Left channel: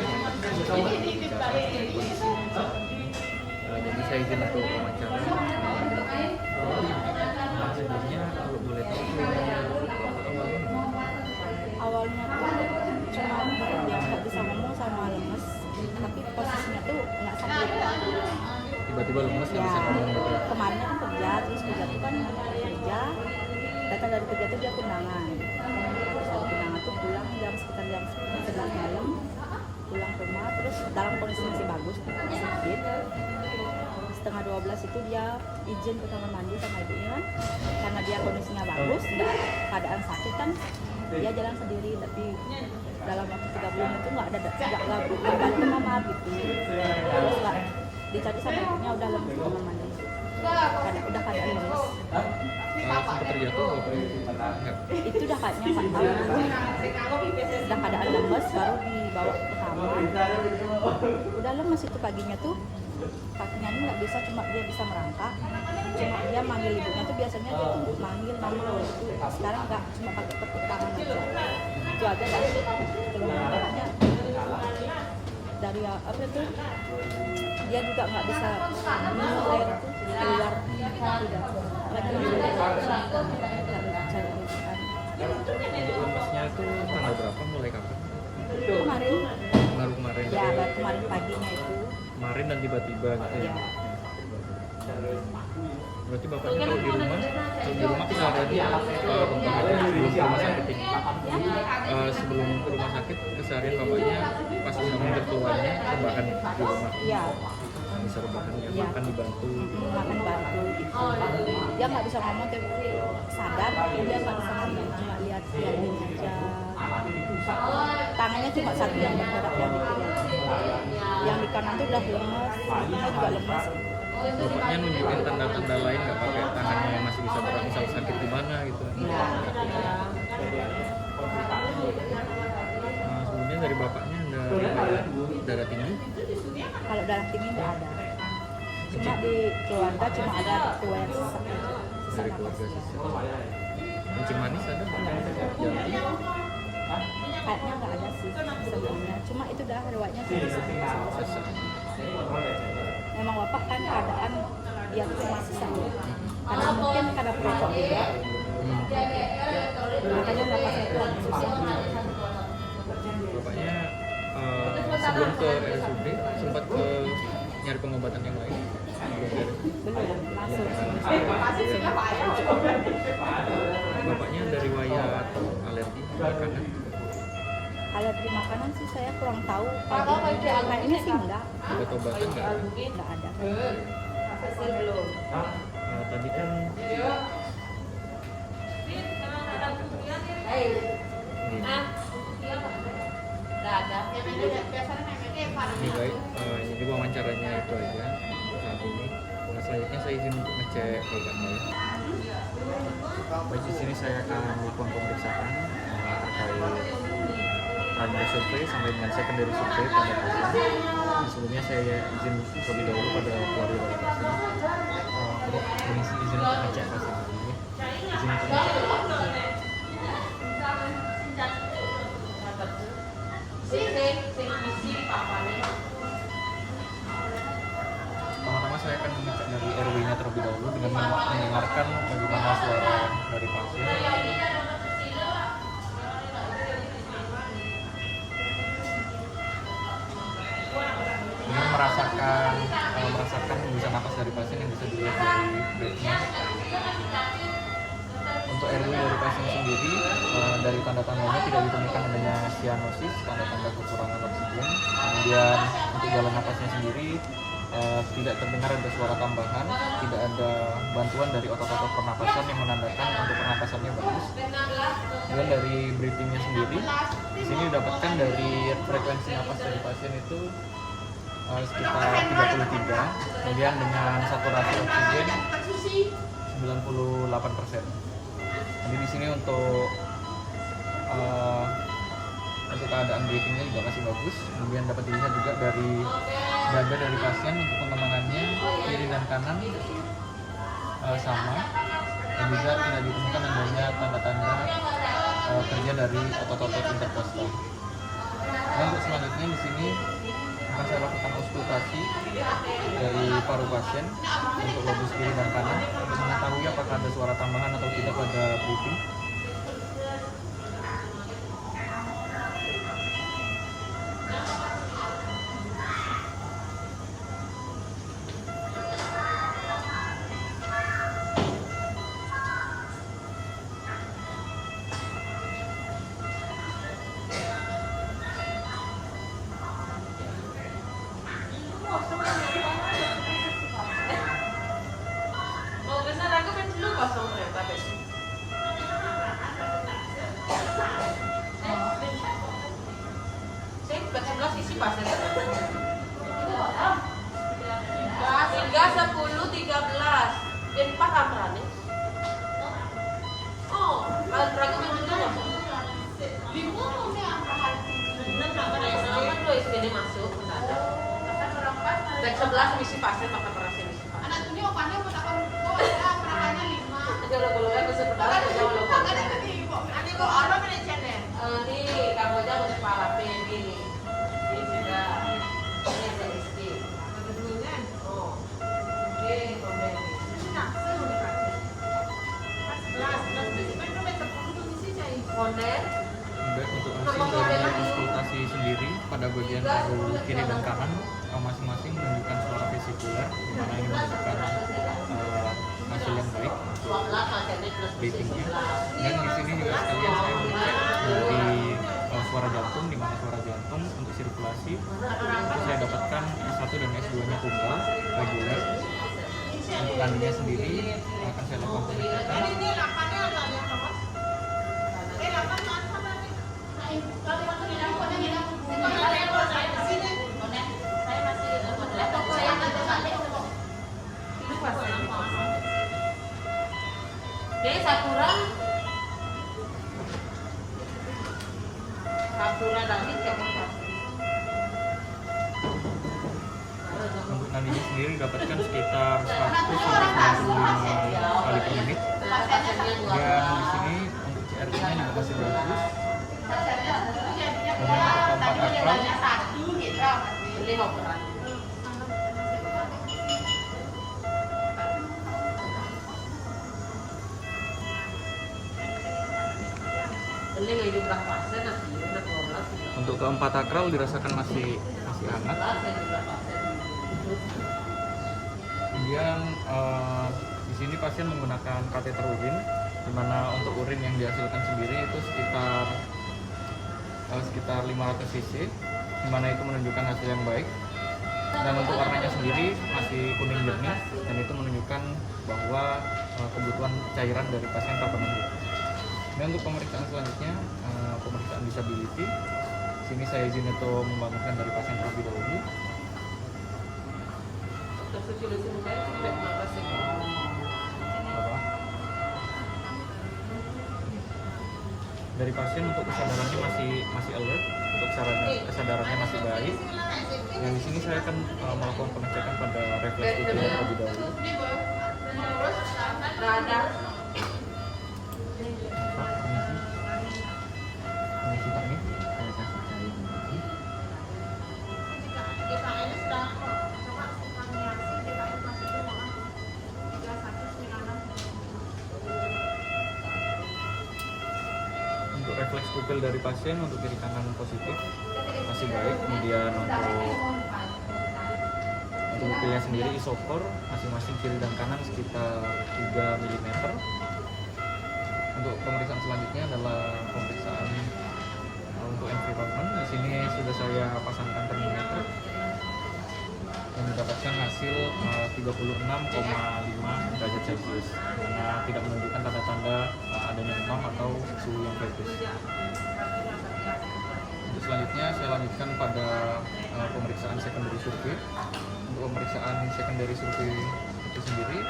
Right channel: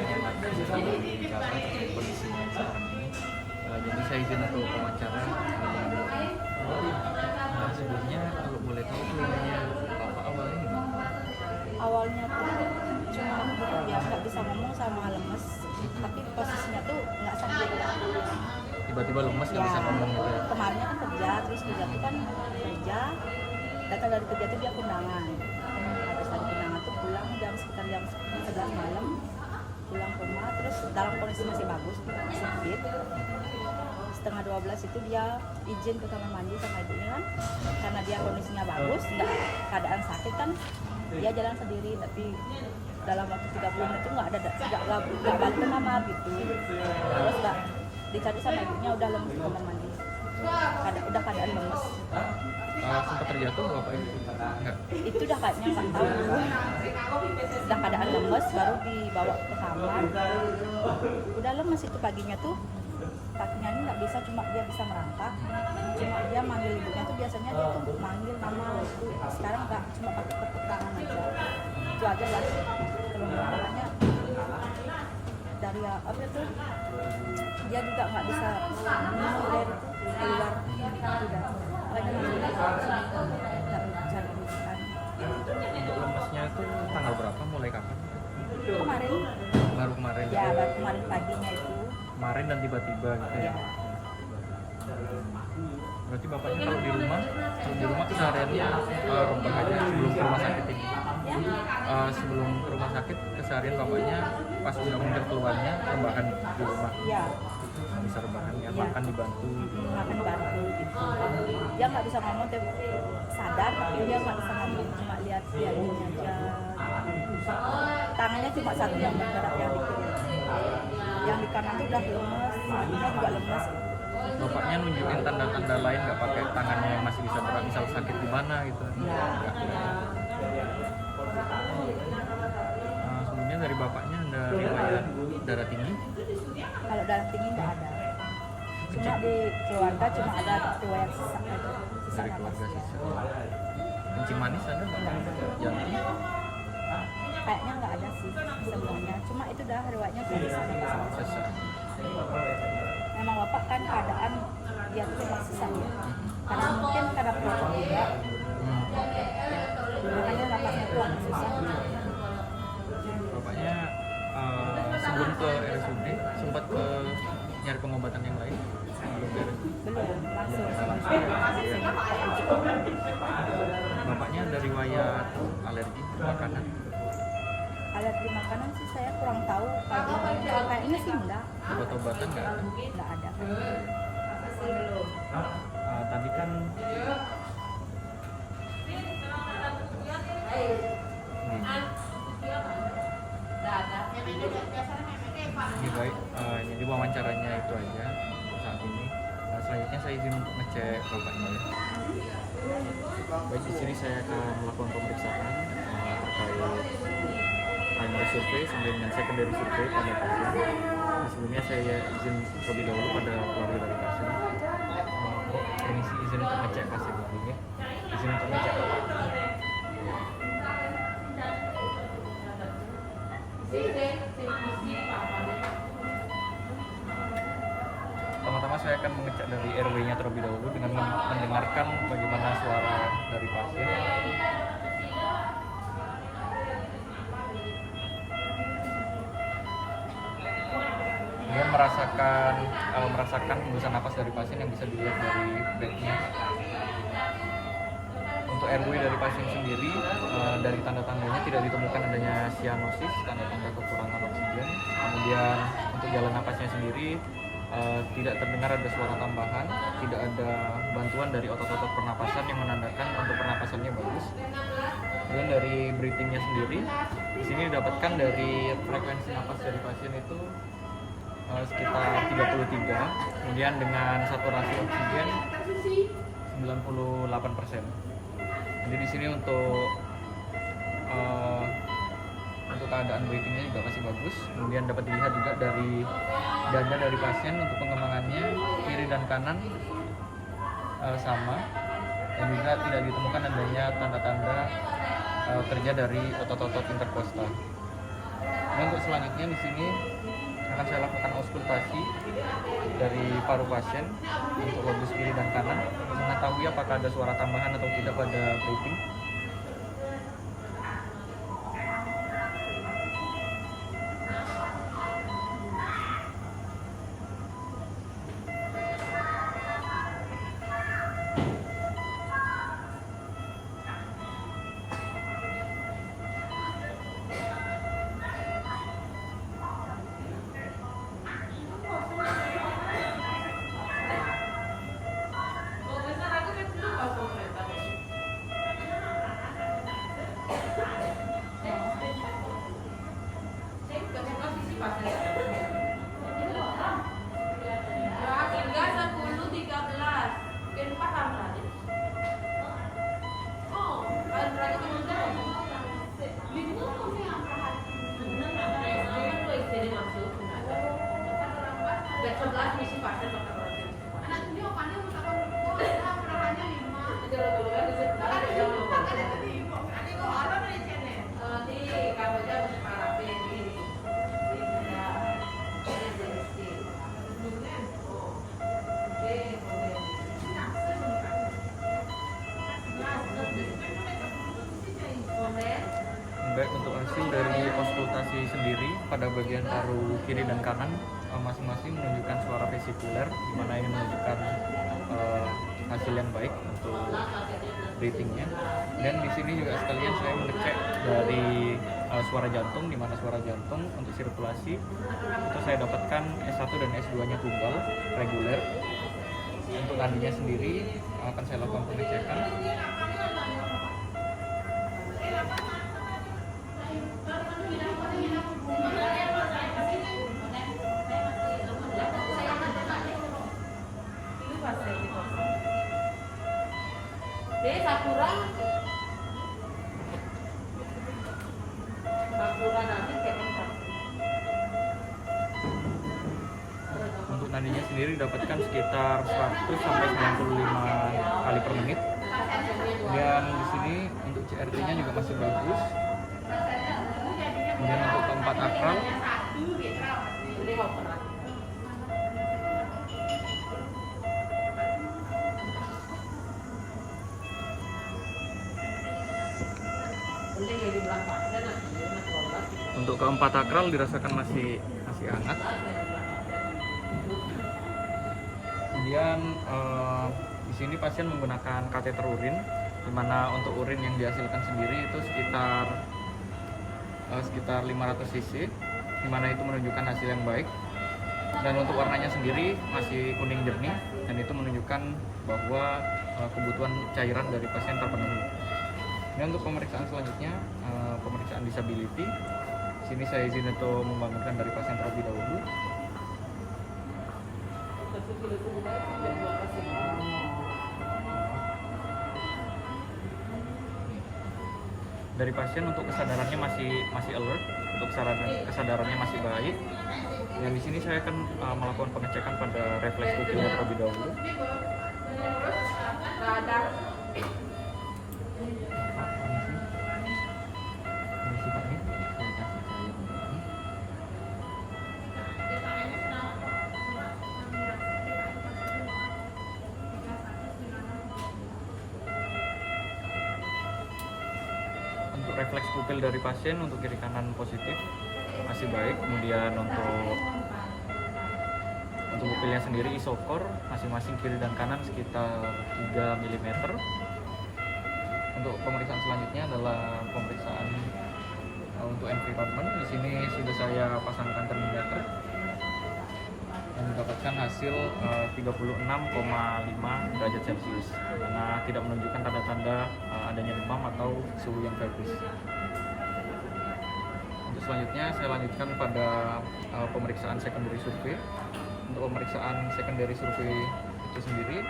rekan yang kita berbicara terkait kondisi sekarang ini. Jadi saya izin untuk wawancara. Sebelumnya kalau boleh tahu keluarnya Bapak awalnya gimana? Awalnya tuh cuma dia nggak bisa ngomong sama lemes, tapi posisinya tuh nggak sakit. Tiba-tiba lemes nggak bisa ngomong gitu ya? Kemarinnya kan kerja, terus kerja tuh kan kerja, datang dari kerja tuh dia kondangan. Habis dari kondangan tuh pulang sekitar jam 11 malam, pulang ke rumah, terus dalam kondisi masih bagus, masih fit. Setengah 12 itu dia izin ke kamar mandi sama ibunya kan, karena dia kondisinya bagus, nggak keadaan sakit kan, dia jalan sendiri, tapi dalam waktu 30 menit itu nggak balik ke kamar gitu. Terus nggak dicari sama ibunya, udah lemes di kamar mandi, udah keadaan lemes. Sempat terjatuh Bapak itu? Enggak. Itu udah kayaknya nggak tahu, udah keadaan lemes, baru dibawa ke kamar. Udah lemes itu paginya tuh, kakinya ini nggak bisa, cuma dia bisa merangkak, cuma dia manggil ibunya tuh biasanya dia tuh manggil mama itu, sekarang nggak, cuma pakai tepuk tangan aja, itu aja dah. Keluhan makanya dari apa itu, dia juga nggak bisa minum air itu keluar, udah makanya manggil cari rujukan. Untuk lemesnya itu tanggal berapa, mulai kapan? Kemarin Baru kemarin ya, gitu? baru kemarin paginya itu Kemarin dan tiba-tiba gitu ya? ya. Berarti bapaknya kalau di rumah kesehariannya rebahan aja sebelum ke rumah sakit ini? Sebelum ke rumah sakit keseharian bapaknya pas mendengar keluarnya rebahan di rumah? Iya. Bisa rebahan ya, Iya. makan dibantu? Makan dibantu gitu. Dia nggak bisa ngomong, tapi sadar, tapi dia nggak bisa ngomong, cuma lihat ini aja gitu. Tangannya cuma satu yang bergerak, yang di kiri. Yang di kanan tuh udah lemes, kakinya juga lemes. Bapaknya nunjukin tanda-tanda lain nggak pakai tangannya yang masih bisa gerak, misal sakit di mana gitu? Nah, Nggak. Sebelumnya dari bapaknya ada riwayat darah tinggi? kalau darah tinggi nggak ada. Cuma di keluarga cuma ada riwayat sesak aja. Sesak Dari napas keluarga ya. sisa. Kencing manis ada nggak? Nggak ada. Jantung? Kayaknya nggak ada sih semuanya. Cuma itu dah riwayatnya cuma sesak napas aja. Sesak. Memang bapak kan keadaan dia tuh memang sesak ya. Karena mungkin karena perokok juga. Makanya napasnya itu agak susah. Bapaknya sebelum ke RSUD sempat ke nyari pengobatan yang lain? Belum ke RSUD? Belum langsung. Iya. Langsung. Bapaknya ada riwayat alergi makanan? Alergi makanan sih saya kurang tahu. Kalau kayaknya sih enggak Obat-obatan nggak ada? ada. Tadi kan ini baik, jadi wawancaranya itu aja saat ini. Selanjutnya saya izin untuk ngecek bapaknya ya. Baik, di sini saya akan melakukan pemeriksaan terkait primary survey sampai dengan secondary survey pada pasien. Sebelumnya saya izin terlebih dahulu pada keluarga dari pasien. Bok, permisi izin untuk ngecek pasien ini. Izin untuk ngecek. Pertama-tama saya akan mengecek dari RW-nya terlebih dahulu dengan mendengarkan bagaimana suara dari pasien. Kemudian merasakan hembusan napas dari pasien yang bisa dilihat dari backnya. Untuk RW dari pasien sendiri, dari tanda-tandanya tidak ditemukan adanya sianosis, tanda-tanda kekurangan oksigen. Kemudian untuk jalan napasnya sendiri, tidak terdengar ada suara tambahan, tidak ada bantuan dari otot-otot pernapasan yang menandakan untuk pernapasannya bagus. Kemudian dari breathingnya sendiri, di sini didapatkan dari frekuensi napas dari pasien itu sekitar 33, kemudian dengan saturasi oksigen 98%. Jadi di sini untuk keadaan breathingnya juga masih bagus. Kemudian dapat dilihat juga dari dada dari pasien untuk pengembangannya kiri dan kanan sama, dan juga tidak ditemukan adanya tanda-tanda kerja dari otot-otot interkostal. Dan untuk selanjutnya di sini akan saya lakukan auskultasi dari paru pasien untuk lobus kiri dan kanan untuk mengetahui apakah ada suara tambahan atau tidak pada breathing. Hingga 10.13 dan paham kan? Oh, kalau peragi juga bingung saya apa selamat lo istri masuk baik 11 misi pasir pakai perasaan misi pasir anak tuh dia pandai mau takon kok ada perahannya 5 kalau ya kesepakat ada ketipu ada kok ada melecehnya ini kabarnya mau separatin ini sudah ini sedikit oh oke Baik, untuk hasil dari auskultasi sendiri pada bagian paru kiri dan kanan masing-masing menunjukkan suara vesikuler, di mana ini menunjukkan hasil yang baik untuk breathingnya. Dan di sini juga sekalian saya mengecek dari suara jantung, di mana suara jantung untuk sirkulasi itu saya dapatkan S1 dan S2-nya tunggal reguler. Untuk nandinya sendiri akan saya lakukan pengecekan. Jadi Sakura dari second person. Untuk nandinya sendiri dapatkan sekitar 100 sampai 95 kali per menit. Dan di sini untuk CRT-nya juga masih bagus. Kemudian untuk keempat akral Ini operan. Ini nggak jumlah pasien nanti 12. untuk keempat akral dirasakan masih hangat. Kemudian di sini pasien menggunakan kateter urin, di mana untuk urin yang dihasilkan sendiri itu sekitar 500 cc, di mana itu menunjukkan hasil yang baik. Dan untuk warnanya sendiri masih kuning jernih, dan itu menunjukkan bahwa kebutuhan cairan dari pasien terpenuhi. Dan untuk pemeriksaan selanjutnya, pemeriksaan disability. Sini saya izin untuk membangunkan dari pasien terlebih dahulu. Dari pasien untuk kesadarannya masih alert, untuk kesadarannya masih baik. Yang di sini saya akan melakukan pengecekan pada refleks pupil terlebih dahulu. Radar. Untuk refleks pupil dari pasien untuk kiri kanan positif masih baik. Kemudian untuk pupilnya sendiri isokor masing-masing kiri dan kanan sekitar 3 mm. Untuk pemeriksaan selanjutnya adalah pemeriksaan untuk environment. Di sini sudah saya pasangkan termometer yang mendapatkan hasil 36,5 derajat Celcius, karena tidak menunjukkan tanda-tanda adanya demam atau suhu yang febris. Untuk selanjutnya saya lanjutkan pada pemeriksaan secondary survey. Untuk pemeriksaan secondary survey itu sendiri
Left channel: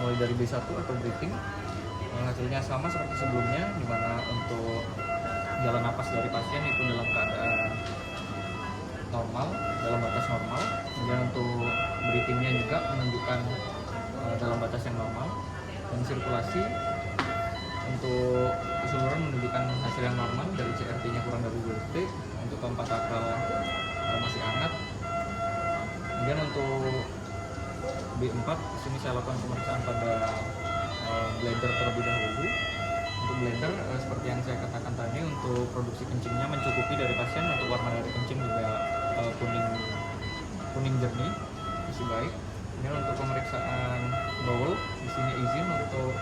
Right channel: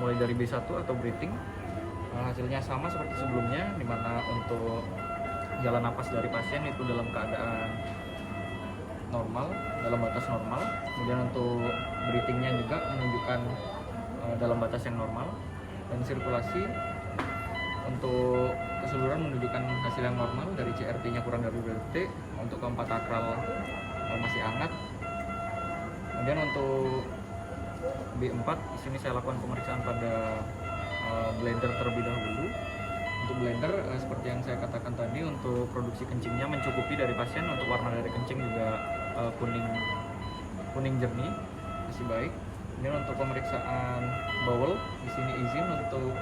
mulai dari B1 atau breathing, hasilnya sama seperti sebelumnya, di mana untuk jalan napas dari pasien itu dalam keadaan normal, dalam batas normal. Kemudian untuk breathingnya juga menunjukkan dalam batas yang normal. Dan sirkulasi untuk keseluruhan keseluruhan menunjukkan hasil yang normal, dari CRT-nya kurang dari 2 detik, untuk keempat sakral masih hangat. Kemudian untuk B4 di sini saya lakukan pemeriksaan pada blender terlebih dahulu. Untuk blender seperti yang saya katakan tadi, untuk produksi kencingnya mencukupi dari pasien, untuk warna dari kencing juga kuning jernih, masih baik. Kemudian untuk pemeriksaan bowel di sini izin untuk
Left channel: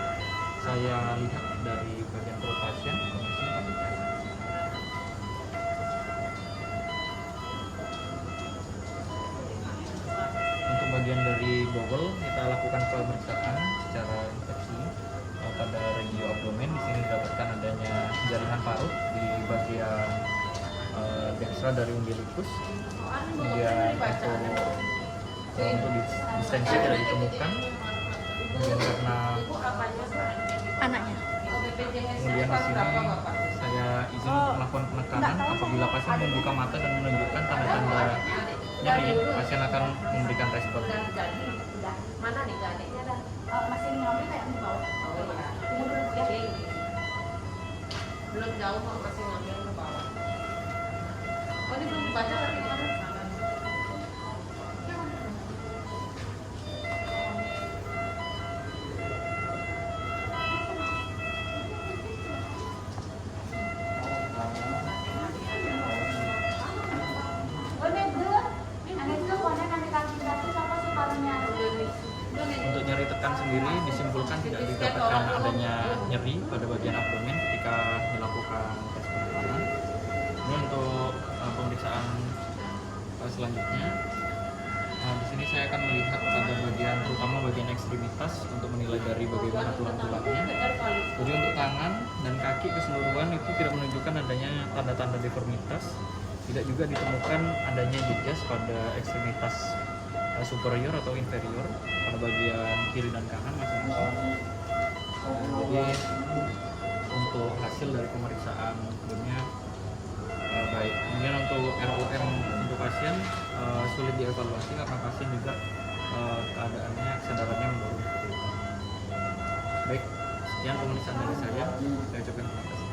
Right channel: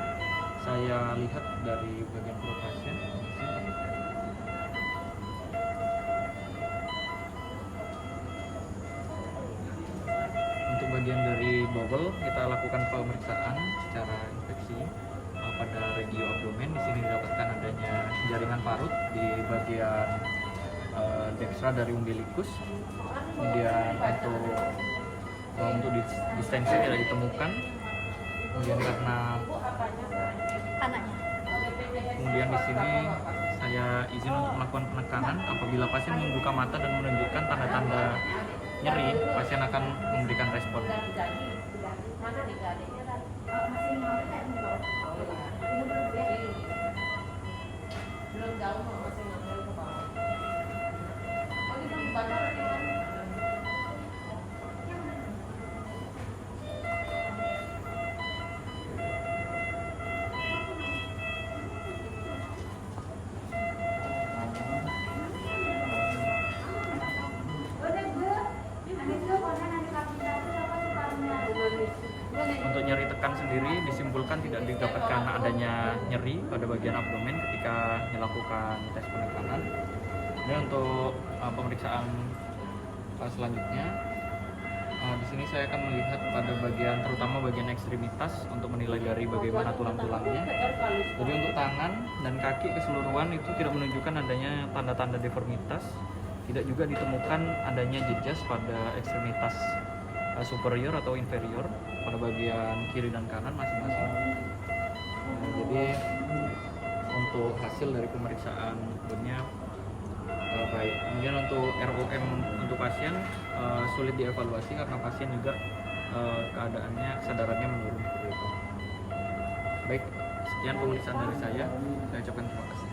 saya lihat dari bagian perut pasien. Untuk bagian dari bowel kita lakukan pemeriksaan secara infeksi pada regio abdomen. Di sini didapatkan adanya jaringan parut di bagian dekstra dari umbilikus. Kemudian untuk distensi tidak ditemukan. Kemudian karena Anaknya. kemudian di sini saya izin untuk melakukan penekanan. Apabila pasien membuka mata dan menunjukkan tanda-tanda nyeri, pasien akan memberikan respon. Mana nih gak adiknya dah? Masih ngambil kayak di bawah. Oh iya. Tunggu dulu ya. Belum jauh kok, masih ngambil ke bawah. Oh ini belum baca berarti kan? Untuk nyeri tekan sendiri disimpulkan tidak didapatkan adanya nyeri pada bagian abdomen ketika dilakukan tes penekanan. Ini untuk pemeriksaan selanjutnya. Di sini saya akan melihat pada bagian, terutama bagian ekstremitas, untuk menilai dari bagaimana tulang-tulangnya. Jadi untuk tangan dan kaki keseluruhan itu tidak menunjukkan adanya tanda-tanda deformitas. Tidak juga ditemukan adanya jejas pada ekstremitas superior atau inferior pada bagian kiri dan kanan masing-masing. Jadi untuk hasil dari pemeriksaan bone-nya baik. Kemudian untuk ROM untuk pasien sulit dievaluasi karena pasien juga kesadarannya menurun seperti itu. Baik, sekian pemeriksaan dari saya. Saya ucapkan terima kasih.